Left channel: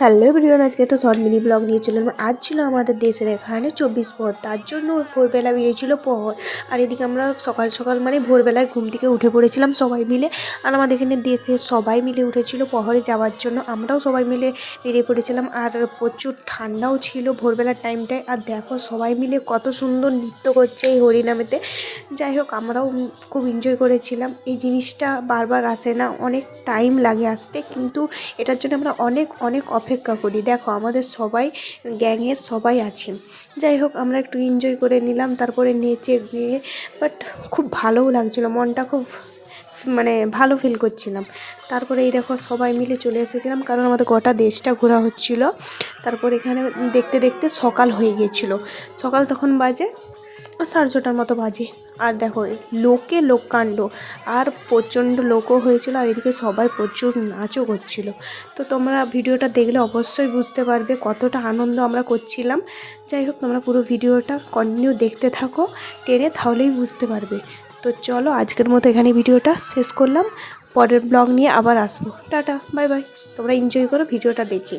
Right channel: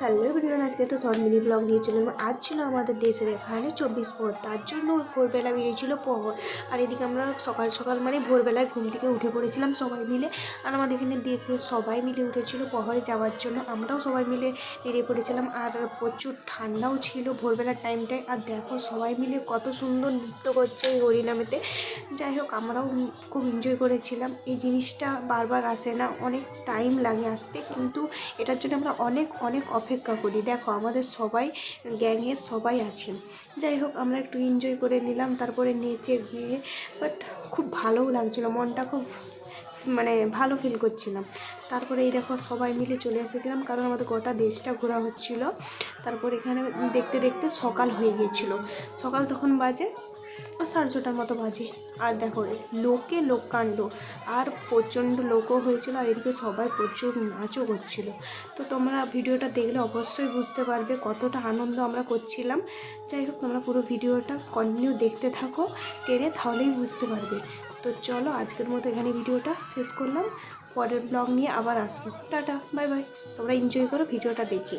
Hello everyone, আজকে একটা short mini blog নিয়ে চললাম। আজ ছিল আমাদের দেশের এখানে 24 প্রহর, তার জন্য ভোরবেলা বেরিয়েছিল প্রহর। আর এদিকে আমরা সকাল সকাল মানে ভোরবেলায় ঘুম থেকে উঠে পড়েছিলাম সবাই মিলে। আর আমাদের এখানে দেশের সবাই মিলে উঠেছিল প্রহরে যাওয়ার জন্য, আমরাও সবাই মিলে বেরিয়ে পড়েছিলাম। আর প্রচুর ঠান্ডাও ছিল ভোরবেলার টাইমটায়। আর দেখো সবাই মিলে কত সুন্দর নৃত্য করছে এই হরিনামেতে। যাই হোক, আমরাও খুব এনজয় করেছিলাম। এই জিনিসটা বারবার আসে না, অনেক টাইম লাগে আসতে, কিন্তু এটার জন্য আমরা অনেক অনেক অপেক্ষা করি। দেখো আমাদের সবাই গ্যাংয়ের সবাই আছেন। যাই হোক, আমরা একটু এনজয় করে নিলাম, তারপরে নেচে গিয়ে বাট খুব ভালোও লাগছিলো, মনটা খুব মানে ভালো ফিল করছিলাম। তারপরে এই দেখো সবাই মিলে চলে এসেছিলাম, কারণ আমাদের গোটা দেশটা ঘোরা হচ্ছিল। তারপর এখানে দেখতে দেখতে সকাল হয়ে গিয়েছিলো। সকাল তখন বাজে 6:30টার মতো বাজে। আর দেখো লোকে লোককাণ্ড, আর প্রচণ্ড লোকও হয়েছিল। আর এদিকে সবাই প্রচুর নাচও করছিল। তো তোমরা ভিডিওটা দেখলে অবশ্যই বুঝতে পারবে কতটা আনন্দ আমরা করছিলাম। যাই হোক, তোমরা পুরো ভিডিওটা কন্টিনিউ দেখতে থাকো টেনে, তাহলেই বুঝতে পারবে। তো চলো আজকের মতো এখানে ভিডিওটা শেষ করলাম। পরের ব্লগ নিয়ে আবার আসবো। Tata, bye bye. তোমরা এনজয় করো ভিডিওটা দেখে।